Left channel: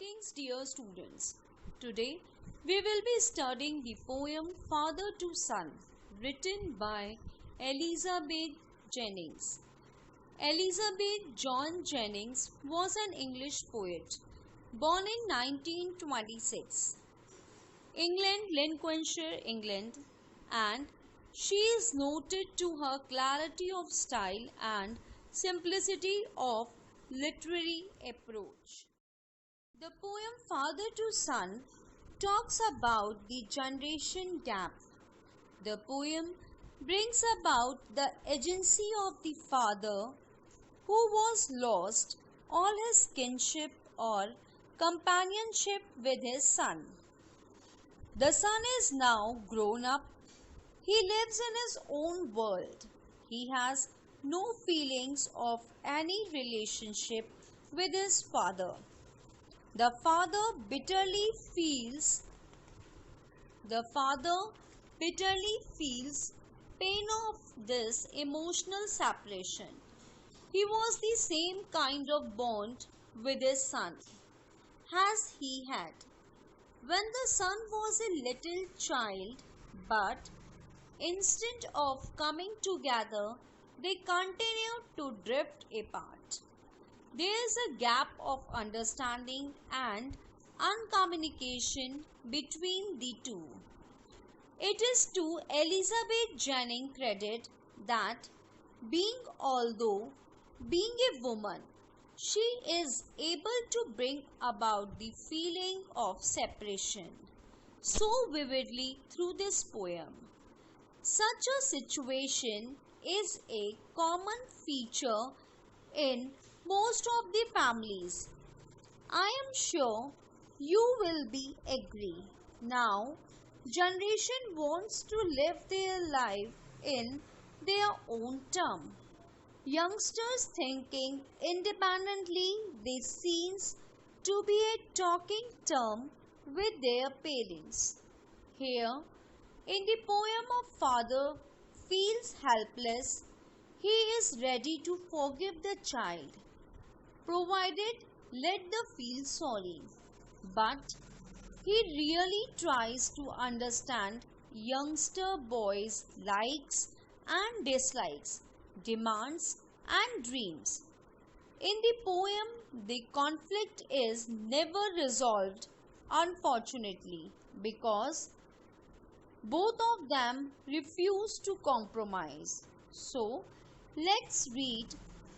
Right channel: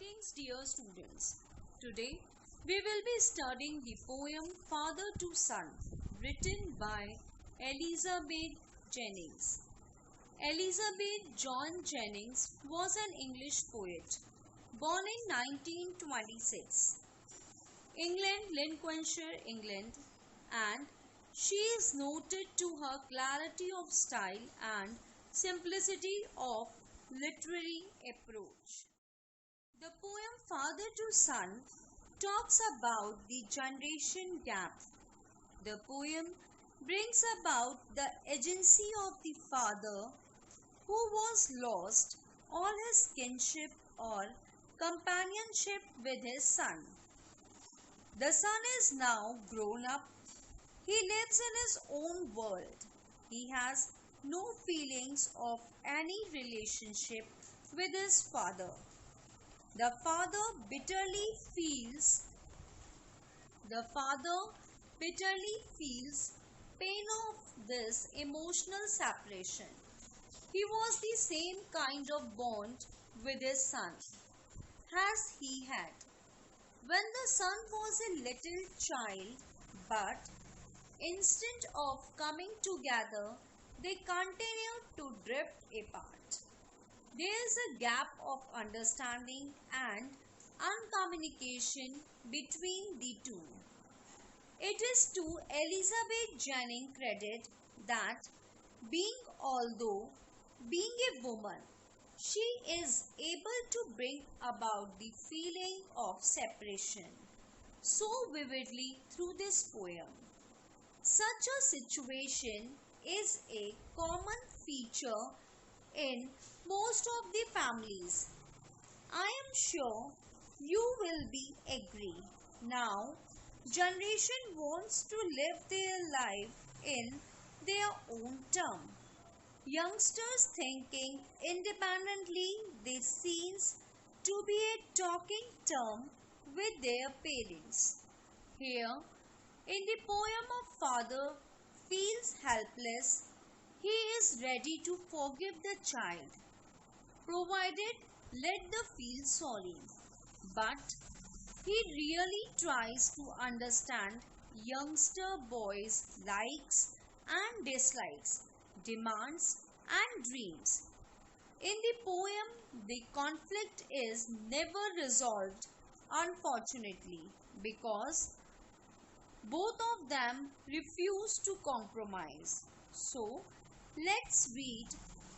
Greetings, dear students. Today we will be studying the poem Father to Son, written by Elizabeth Jennings. Elizabeth John Jennings was an English poet, born in 1926, England, Lincolnshire, England, and she is noted to her clarity of style and simplicity of literary approach. The poem Father to Son talks about the generation gap. The poem brings about the agency of the father who was lost all his kinship or companionship with his son. The son is now grown up. He lives in his own world. He has no feelings of any relationship with his father. The father bitterly feels pain of this emotional separation. He was the same kind of bond with his son as he had when the son was a little child, but instead of coming together, they continued to drift apart. There is a gap of understanding and uncommunication between the two. It is to Elizabeth Jennings credit that although being a woman, she is able to bring about the feeling of separation so vividly through this poem. Such a situation is a common feature in most of the families. I am sure you will be agree. Now, generation wants to live their life in their own term. Youngsters thinking independently, they seems to be a talking term with their parents. Here, in the poem of father feels helpless, he is ready to forgive the child, provided let the feel sorry. But he really tries to understand youngster boys' likes and dislikes, demands and dreams. In the poem, the conflict is never resolved, unfortunately, because both of them refuse to compromise. So, let's read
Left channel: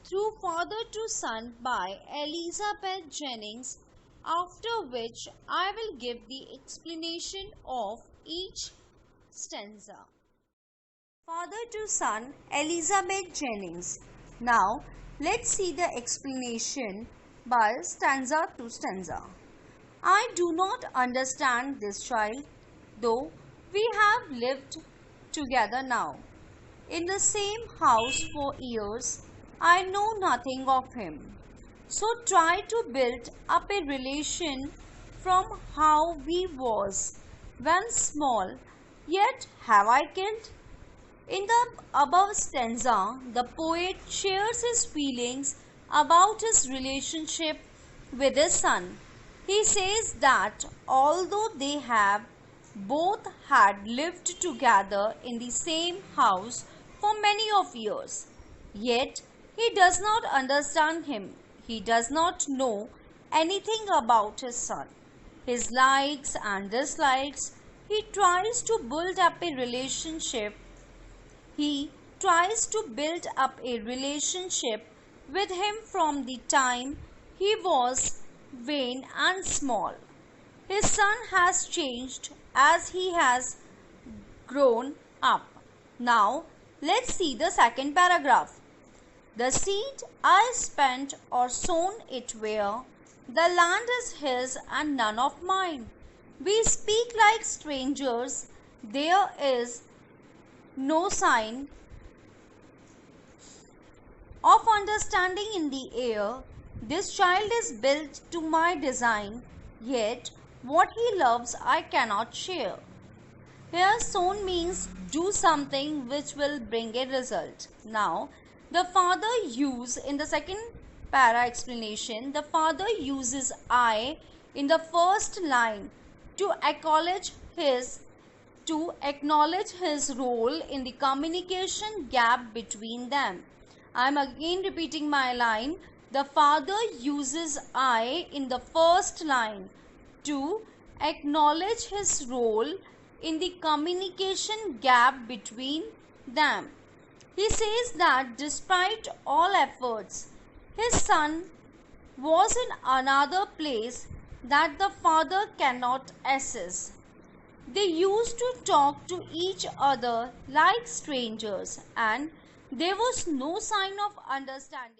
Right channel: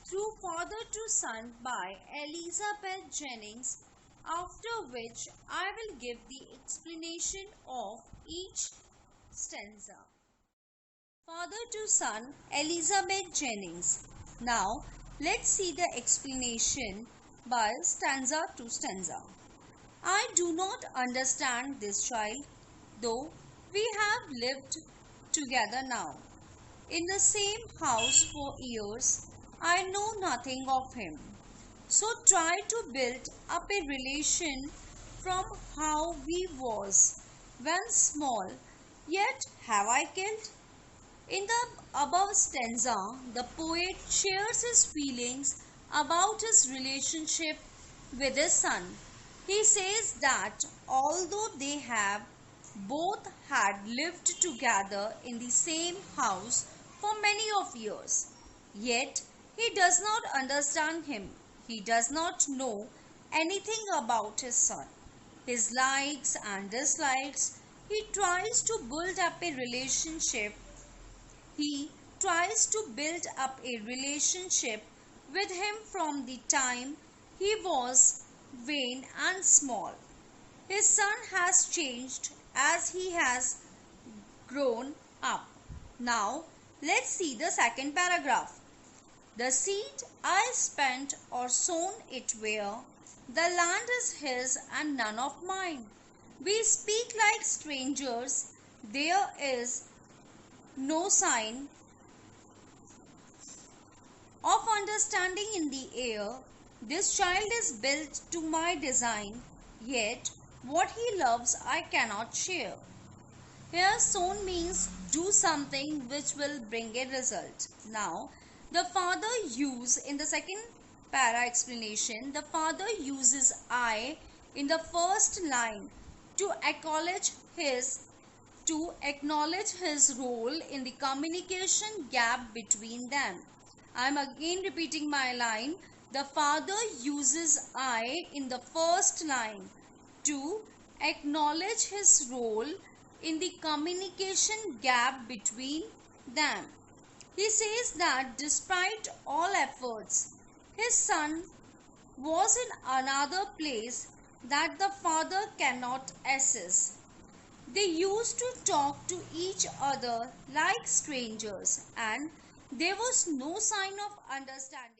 Through Father to Son by Elizabeth Jennings, after which I will give the explanation of each stanza. Father to Son, Elizabeth Jennings. Now, let's see the explanation by stanza to stanza. I do not understand this child, though we have lived together now in the same house for years. I know nothing of him. So try to build up a relation from how we was when small. Yet have I killed? In the above stanza, the poet shares his feelings about his relationship with his son. He says that although they have both had lived together in the same house for many of years, yet he does not understand him. He does not know anything about his son, his likes and dislikes. He tries to build up a relationship with him from the time he was vain and small. His son has changed as he has grown up. Now, let's see the second paragraph. The seed I spent or sown it where, the land is his and none of mine. We speak like strangers, there is no sign of understanding in the air. This child is built to my design, yet what he loves I cannot share. Here sown means do something which will bring a result. Now, the father in the second para explanation, the father uses I in the first line to acknowledge his role in the communication gap between them. I am again repeating my line. The father uses I in the first line to acknowledge his role in the communication gap between them. He says that despite all efforts, his son was in another place that the father cannot access. They used to talk to each other like strangers, and there was no sign of understanding.